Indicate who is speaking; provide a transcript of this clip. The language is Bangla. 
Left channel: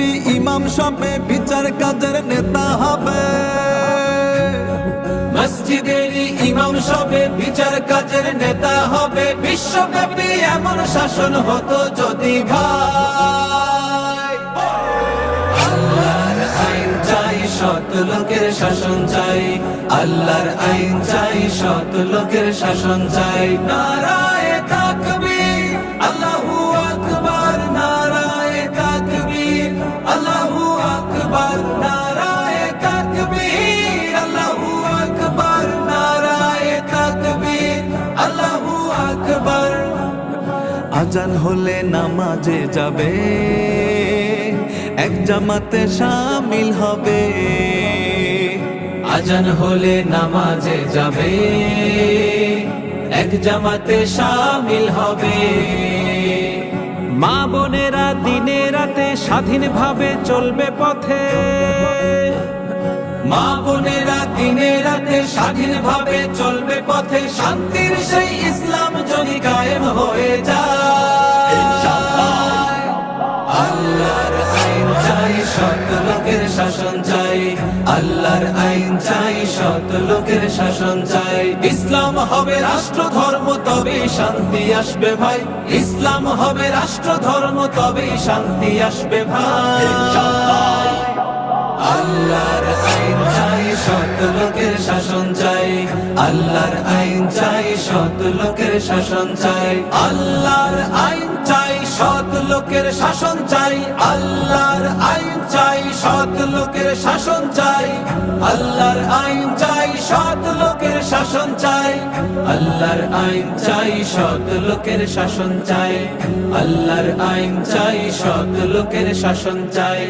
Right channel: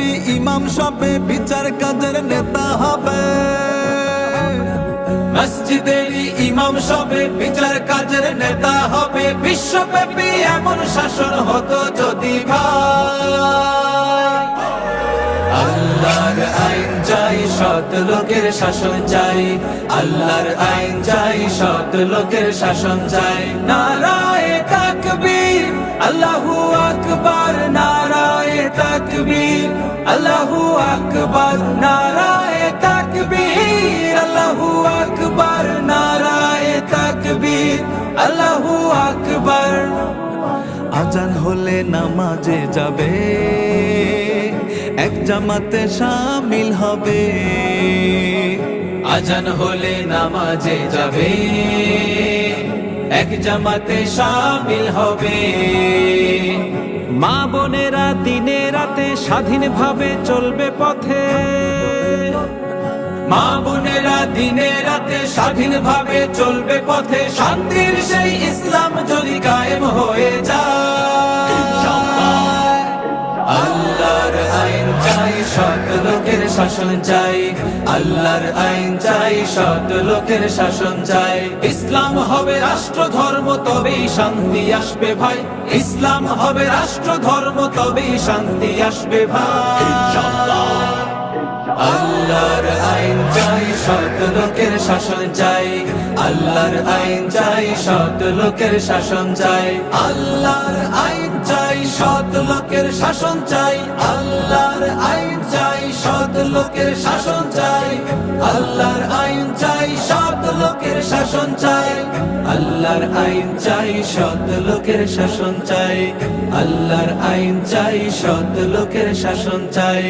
Speaker 1: মসজিদের ইমাম সবে বিচার কাজের নেতা হবে
Speaker 2: ইমাম সবে বিচার কাজের নেতা হবে, বিশ্বব্যাপী এমন শাসন হতো যদি আল্লাহর আইন চাই, সৎ লোকের শাসন চাই। আল্লাহর আইন চাই, সৎ লোকের শাসন চাই। নারায়ে তাকবীর
Speaker 1: আজান হলে নামাজে যাবে। এক জামাতে সামিল হবে।
Speaker 2: আজান হলে নামাজে যাবে। এক জামাতে সামিল হবে।
Speaker 3: মা বোনেরা দিনে রাতে স্বাধীনভাবে চলবে পথে।
Speaker 2: মা বোনেরা দিনে রাতে স্বাধীন ভাবে চলবে পথে। শান্তির সেই শাসন চাই, আল্লাহর আইন চাই, সৎ লোকের শাসন চাই। ইসলাম হবে রাষ্ট্র, ধর্ম তবেই শান্তি আসবে ভাই। ইসলাম হবে রাষ্ট্র, ধর্ম তবেই শান্তি আসবে ভাই। আল্লাহর আইন চাই, সৎ লোকের শাসন চাই। আল্লাহর আইন চাই, সৎ লোকের শাসন চাই। আল্লাহর আইন চাই, সৎ লোকের শাসন চাই। আল্লাহর আইন লোকের শাসন চাই, আল্লাহর আইন চাই, সৎ লোকের শাসন চাই, আল্লাহর আইন চাই, সৎ লোকের শাসন চাই, আল্লাহর আইন চাই, সৎ লোকের শাসন চাই।